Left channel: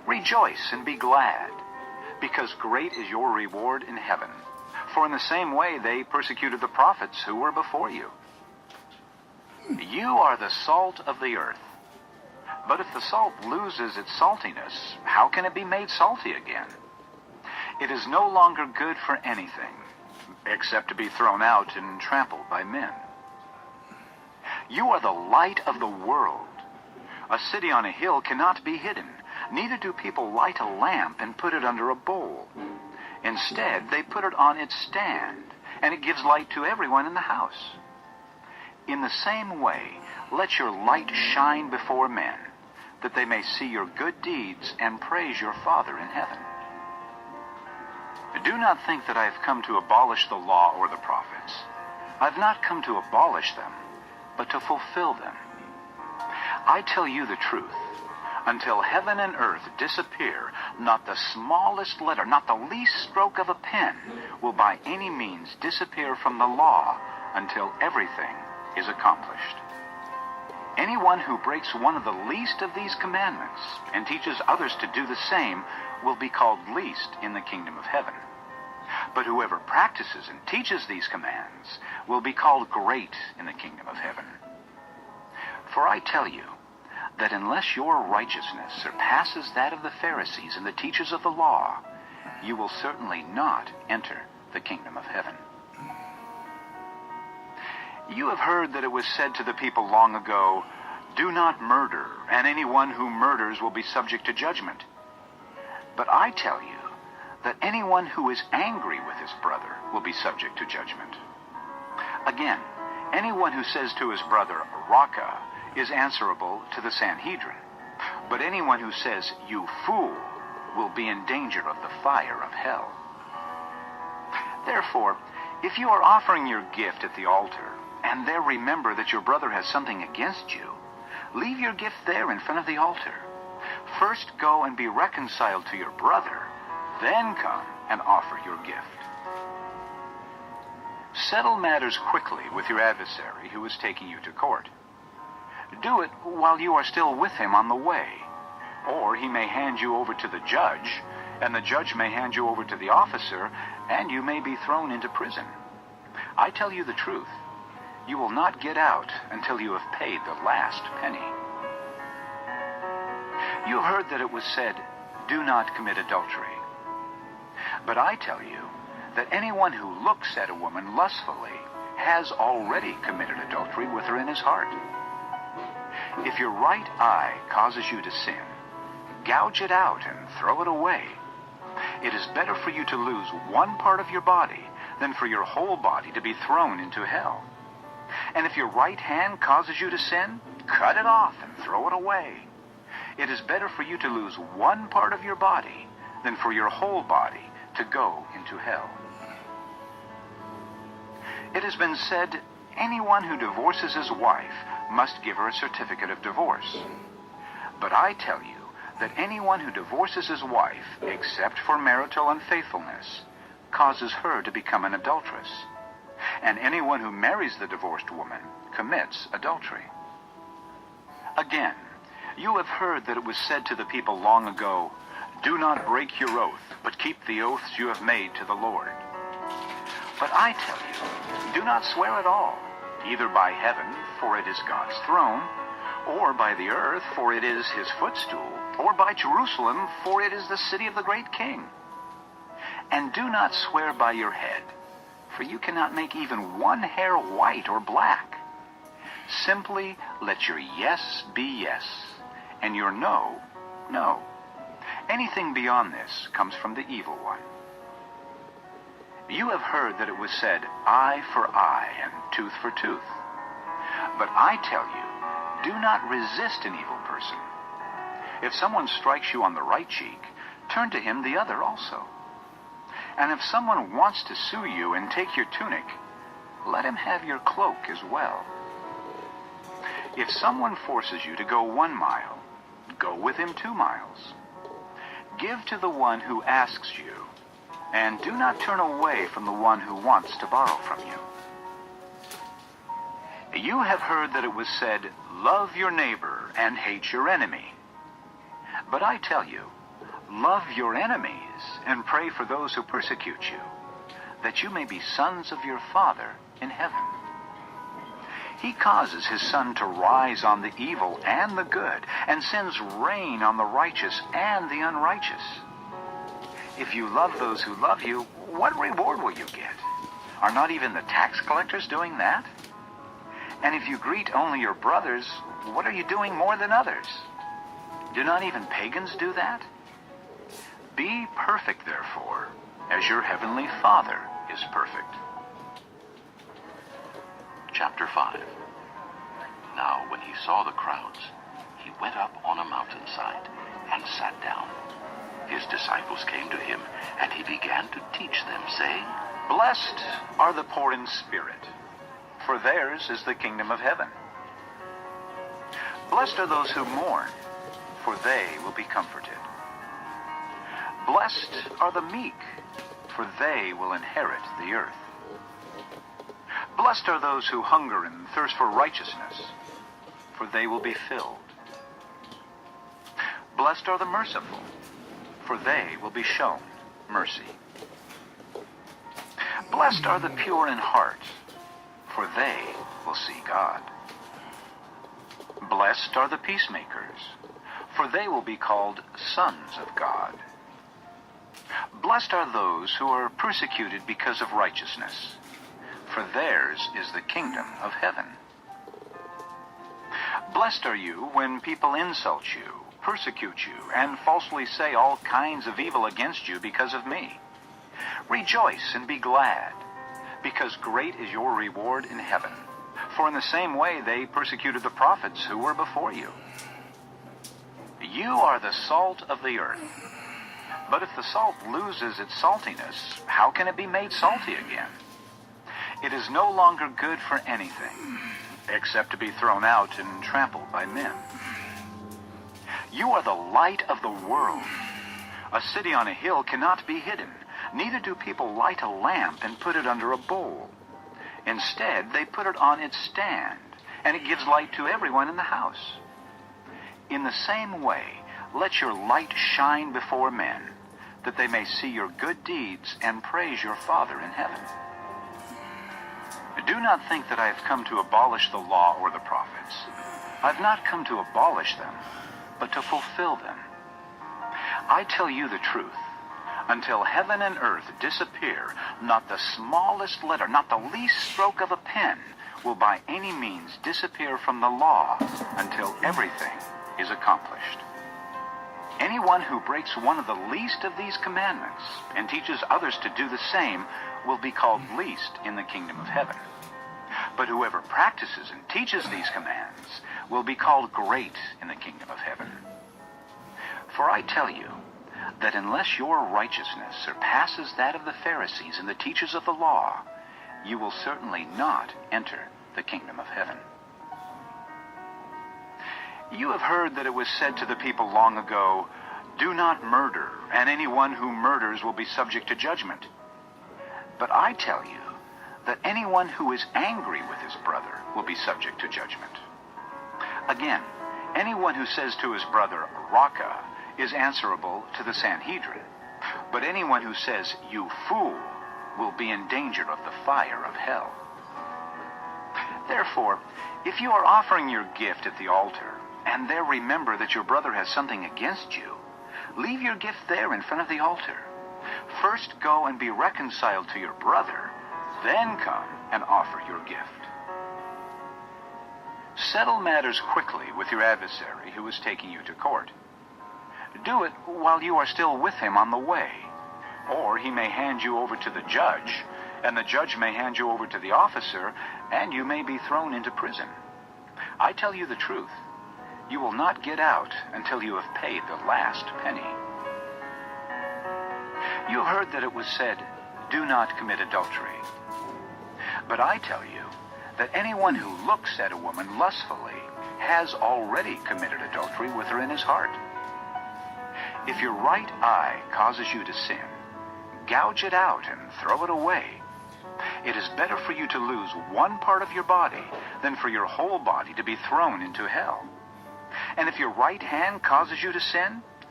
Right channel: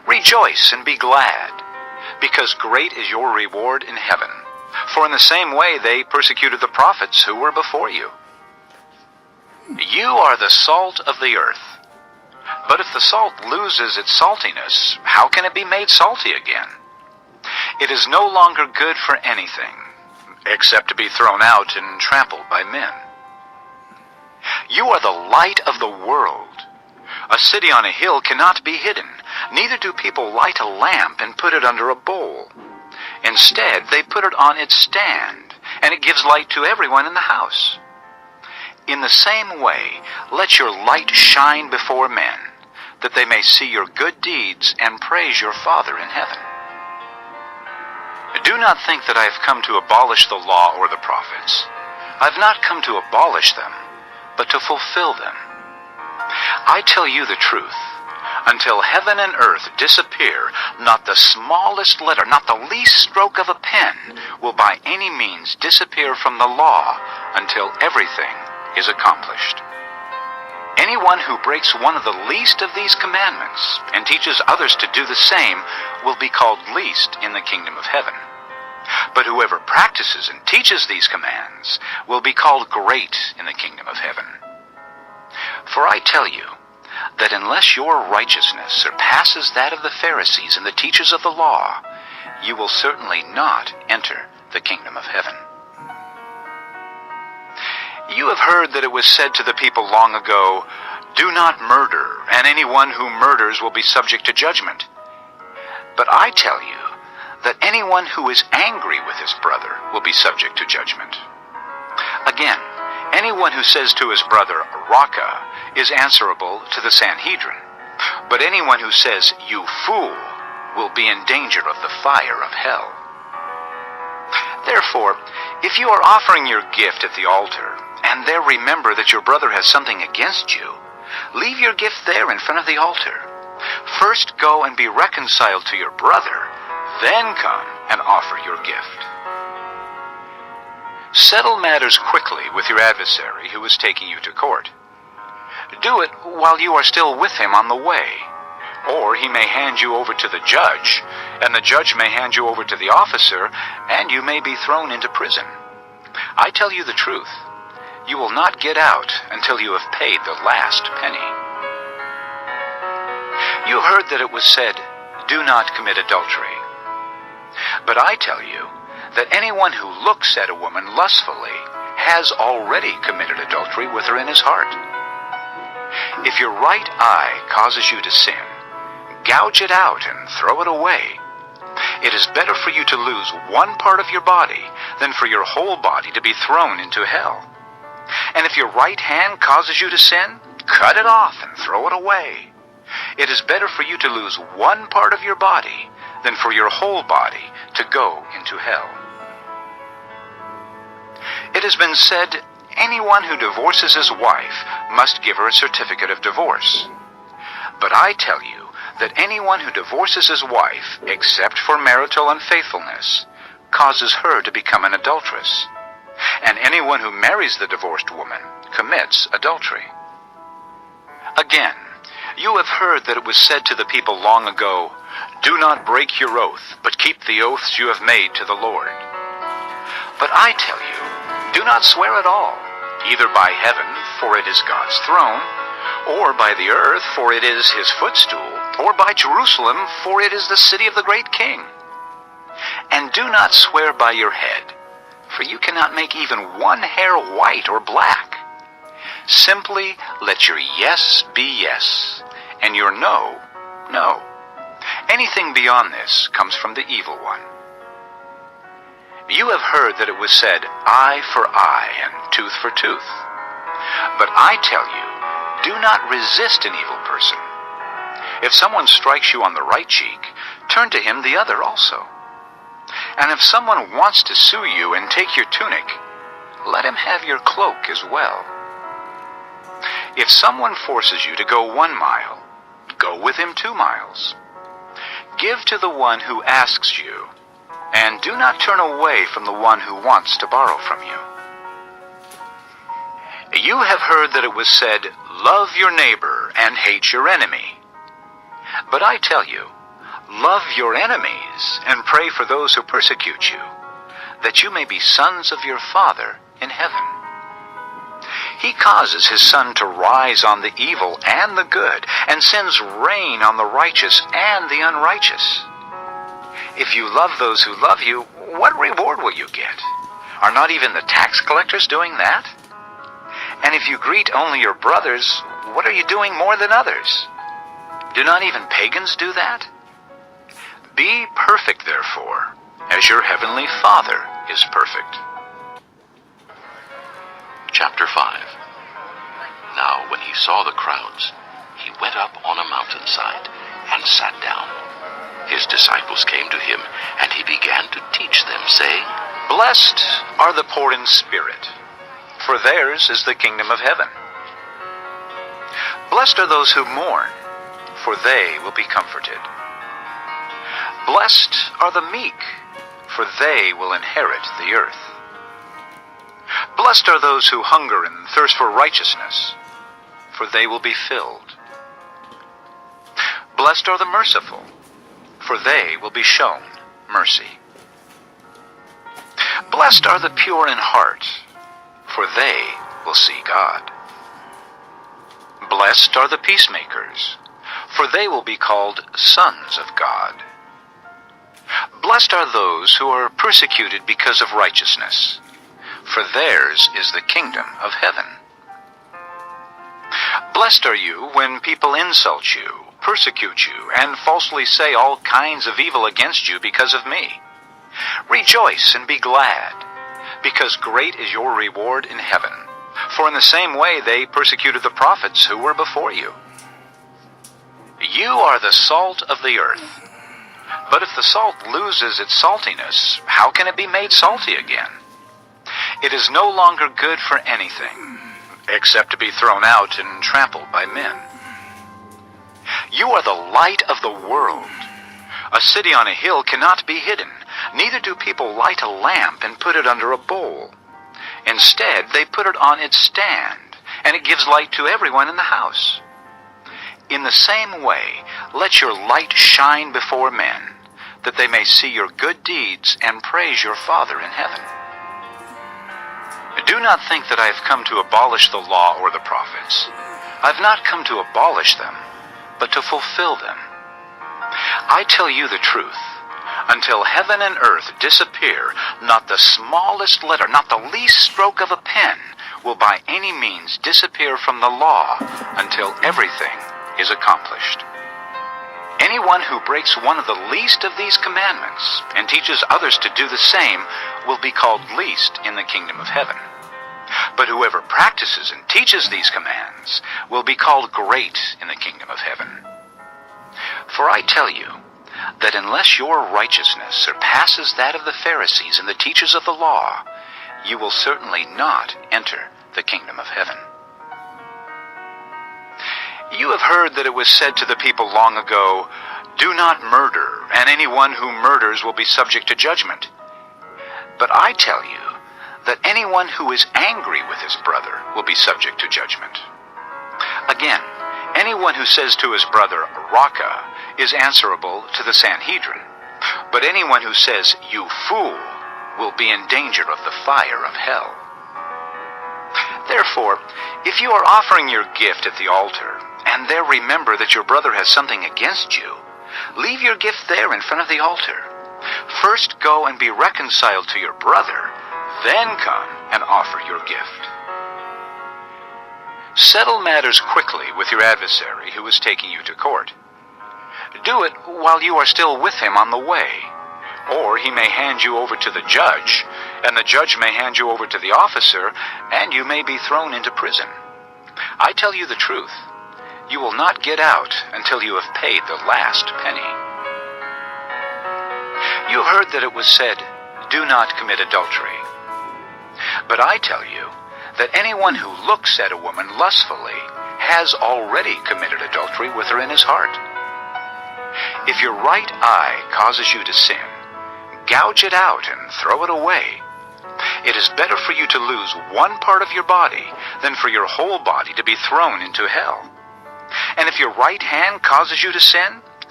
Rejoice and be glad, because great is your reward in heaven. For in the same way they persecuted the prophets who were before you. You are the salt of the earth. But if the salt loses its saltiness, how can it be made salty again? It is no longer good for anything, except to be thrown out and trampled by men. You are the light of the world. A city on a hill cannot be hidden, neither do people light a lamp and put it under a bowl. Instead, they put it on its stand, and it gives light to everyone in the house. In the same way, let your light shine before men, that they may see your good deeds and praise your Father in heaven. Do not think that I have come to abolish the law or the prophets. I have not come to abolish them, but to fulfill them. I tell you the truth. Until heaven and earth disappear, not the smallest letter, not the least stroke of a pen, will by any means disappear from the law until everything is accomplished. Anyone who breaks one of the least of these commandments and teaches others to do the same will be called least in the kingdom of heaven. But whoever practices and teaches these commands will be called great in the kingdom of heaven. For I tell you that unless your righteousness surpasses that of the Pharisees and the teachers of the law, you will certainly not enter the kingdom of heaven. You have heard that it was said to the people long ago, "Do not murder, and anyone who murders will be subject to judgment." But I tell you that anyone who is angry with his brother will be subject to judgment. Again, anyone who says to his brother, "Raka," is answerable to the Sanhedrin. But anyone who says, "You fool," will be in danger of the fire of hell. Therefore, if you are offering your gift at the altar, and there remember that your brother has something against you, leave your gift there in front of the altar. First go and be reconciled to your brother, then come and offer your gift. Settle matters quickly with your adversary who is taking you to court. Do it while you are still with him on the way, or he may hand you over to the judge, and the judge may hand you over to the officer, and you may be thrown into prison. I tell you the truth. You will not get out until you have paid the last penny. You have heard that it was said, "Do not commit adultery." But I tell you that anyone who looks at a woman lustfully has already committed adultery with her in his heart. If your right eye causes you to sin, gouge it out and throw it away. It is better for you to lose one part of your body than for your whole body to be thrown into hell. And if your right hand causes you to sin, cut it off and throw it away. It is better for you to lose one part of your body than for your whole body to go into hell. It has been said, anyone who divorces his wife must give her a certificate of divorce. But I tell you that anyone who divorces his wife, except for marital unfaithfulness, causes her to become an adulteress. And anyone who marries the divorced woman commits adultery. Again, you have heard that it was said to the people long ago, "Do not break your oath, but keep the oaths you have made to the Lord." But I tell you, do not swear at all, either by heaven, for it is God's throne, or by the earth, for it is his footstool, or by Jerusalem, for it is the city of the great king. And do not swear by your head, for you cannot make even one hair white or black. Simply let your yes be yes, and your no, no. Anything beyond this comes from the evil one. You have heard that it was said, "Eye for eye and tooth for tooth." But I tell you, do not resist an evil person. If someone strikes you on the right cheek, turn to him the other also. And if someone wants to sue you and take your tunic, let him have your cloak as well. If someone forces you to go 1 mile, go with him 2 miles. Give to the one who asks you, and do not turn away from the one who wants to borrow from you. You have heard that it was said, "Love your neighbor and hate your enemy." But I tell you, Love your enemies and pray for those who persecute you, that you may be sons of your Father in heaven. He causes his sun to rise on the evil and the good, and sends rain on the righteous and the unrighteous. If you love those who love you, what reward will you get? Are not even the tax collectors doing that? And if you greet only your brothers, what are you doing more than others? Do not even pagans do that? Be perfect, therefore, as your heavenly Father is perfect. Chapter 5. Now when he saw the crowds, he went up on a mountainside and sat down. His disciples came to him, and he began to teach them, saying, Blessed are the poor in spirit, for theirs is the kingdom of heaven. Blessed are those who mourn, for they will be comforted. Blessed are the meek, for they will inherit the earth. Blessed are those who hunger and thirst for righteousness, for they will be filled. Blessed are the merciful, for they will be shown mercy. Blessed are the pure in heart, for they will see God. Blessed are the peacemakers, for they will be called sons of God. Blessed are those who are persecuted because of righteousness, for theirs is the kingdom of heaven. Blessed are you when people insult you, persecute you, and falsely say all kinds of evil against you because of me. Rejoice and be glad, because great is your reward in heaven. For in the same way they persecuted the prophets who were before you. You are the salt of the earth. But if the salt loses its saltiness, how can it be made salty again? It is no longer good for anything, except to be thrown out and trampled by men. You are the light of the world. A city on a hill cannot be hidden, neither do people light a lamp and put it under a bowl. Instead, they put it on its stand, and it gives light to everyone in the house. In the same way, let your light shine before men, that they may see your good deeds and praise your Father in heaven. Do not think that I have come to abolish the law or the prophets. I have not come to abolish them, but to fulfill them. I tell you the truth. Until heaven and earth disappear, not the smallest letter, not the least stroke of a pen, will by any means disappear from the law until everything is accomplished. Anyone who breaks one of the least of these commandments and teaches others to do the same will be called least in the kingdom of heaven. But whoever practices and teaches these commands will be called great in the kingdom of heaven. For I tell you that unless your righteousness surpasses that of the Pharisees and the teachers of the law, you will certainly not enter the kingdom of heaven. You have heard that it was said to the people long ago, "Do not murder, and anyone who murders will be subject to judgment." But I tell you that anyone who is angry with his brother will be subject to judgment. Again, anyone who says to his brother, "Raka," is answerable to the Sanhedrin. But anyone who says, "You fool," will be in danger of the fire of hell. Therefore, if you are offering your gift at the altar, and there remember that your brother has something against you, leave your gift there in front of the altar. First go and be reconciled to your brother, then come and offer your gift. Settle matters quickly with your adversary who is taking you to court. Do it while you are still with him on the way, or he may hand you over to the judge, and the judge may hand you over to the officer, and you may be thrown into prison. I tell you the truth. You will not get out until you have paid the last penny. You heard that it was said, "Do not commit adultery." But I tell you that anyone who looks at a woman lustfully has already committed adultery with her in his heart. If your right eye causes you to sin, gouge it out and throw it away. It is better for you to lose one part of your body than for your whole body to be thrown into hell. And if your right hand causes you to sin,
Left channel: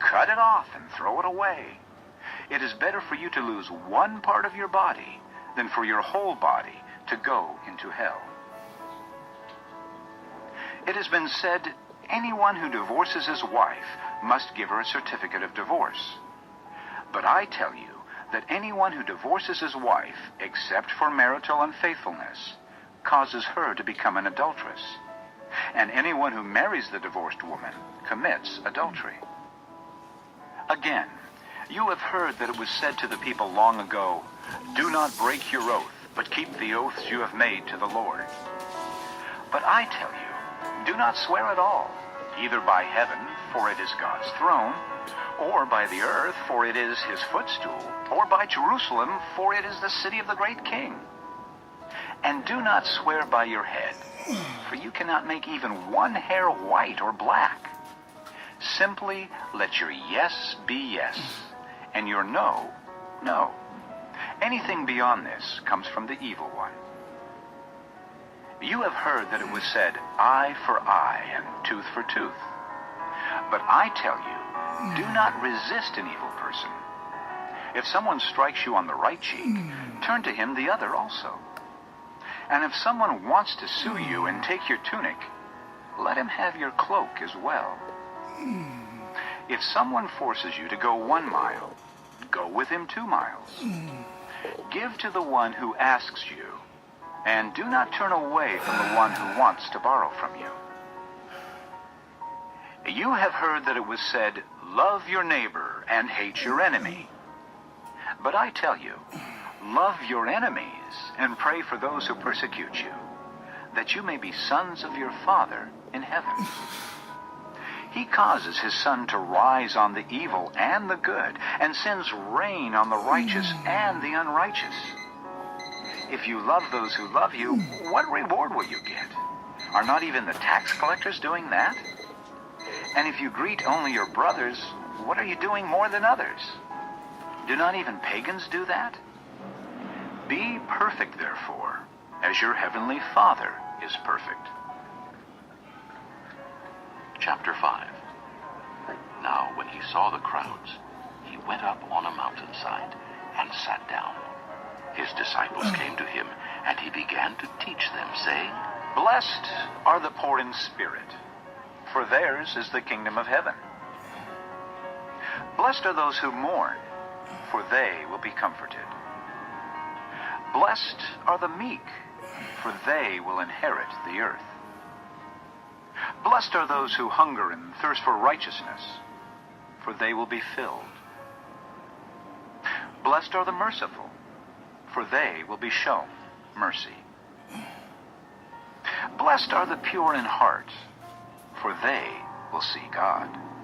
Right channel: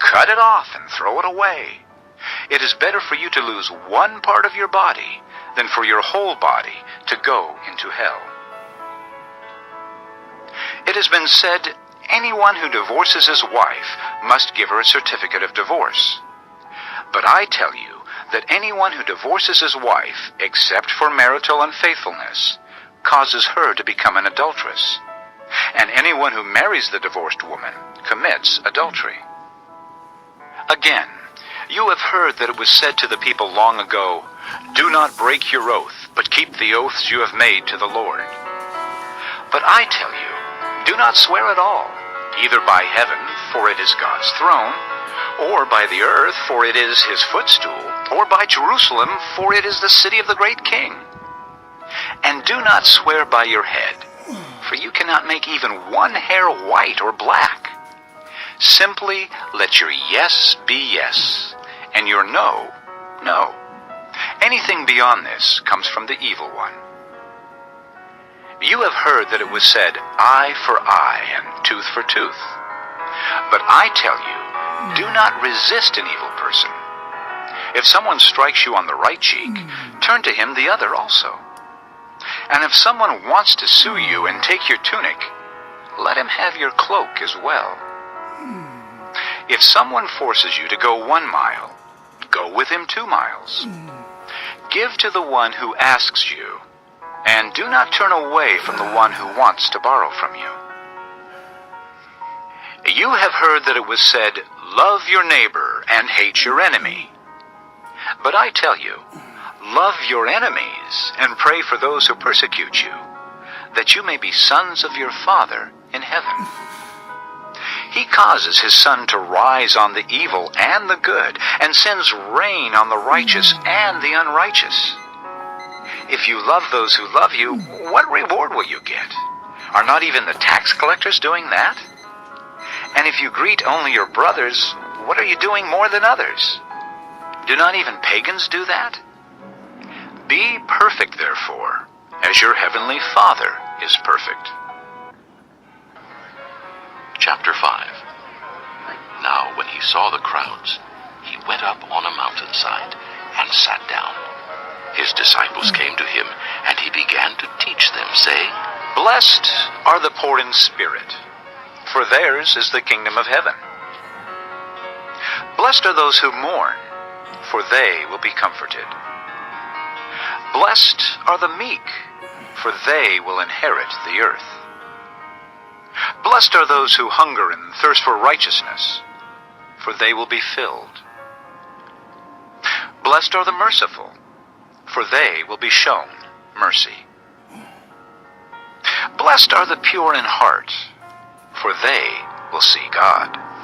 cut it off and throw it away. It is better for you to lose one part of your body than for your whole body to go into hell. It has been said, anyone who divorces his wife must give her a certificate of divorce. But I tell you that anyone who divorces his wife, except for marital unfaithfulness, causes her to become an adulteress. And anyone who marries the divorced woman commits adultery. Again, you have heard that it was said to the people long ago, "Do not break your oath, but keep the oaths you have made to the Lord." But I tell you, do not swear at all, either by heaven, for it is God's throne, or by the earth, for it is his footstool, or by Jerusalem, for it is the city of the great king. And do not swear by your head, for you cannot make even one hair white or black. Simply let your yes be yes, and your no, no. Anything beyond this comes from the evil one. You have heard that it was said, eye for eye and tooth for tooth. But I tell you, do not resist an evil person. If someone strikes you on the right cheek, turn to him the other also. And if someone wants to sue you and take your tunic, let him have your cloak as well. If someone forces you to go 1 mile, go with him 2 miles. Give to the one who asks you, and do not turn away from the one who wants to borrow from you. You have heard that it was said, love your neighbor and hate your enemy. But I tell you, love your enemies and pray for those who persecute you, that you may be sons of your Father in heaven. He causes his sun to rise on the evil and the good, and sends rain on the righteous and the unrighteous. If you love those who love you, what reward will you get? Are not even the tax collectors doing that? And if you greet only your brothers, what are you doing more than others? Do not even pagans do that? Be perfect, therefore, as your heavenly Father is perfect. Chapter 5. Now when he saw the crowds, he went up on a mountainside and sat down. His disciples came to him, and he began to teach them, saying, Blessed are the poor in spirit, for theirs is the kingdom of heaven. Blessed are those who mourn, for they will be comforted. Blessed are the meek, for they will inherit the earth. Blessed are those who hunger and thirst for righteousness, for they will be filled. Blessed are the merciful, for they will be shown mercy. Blessed are the pure in heart, for they will see God.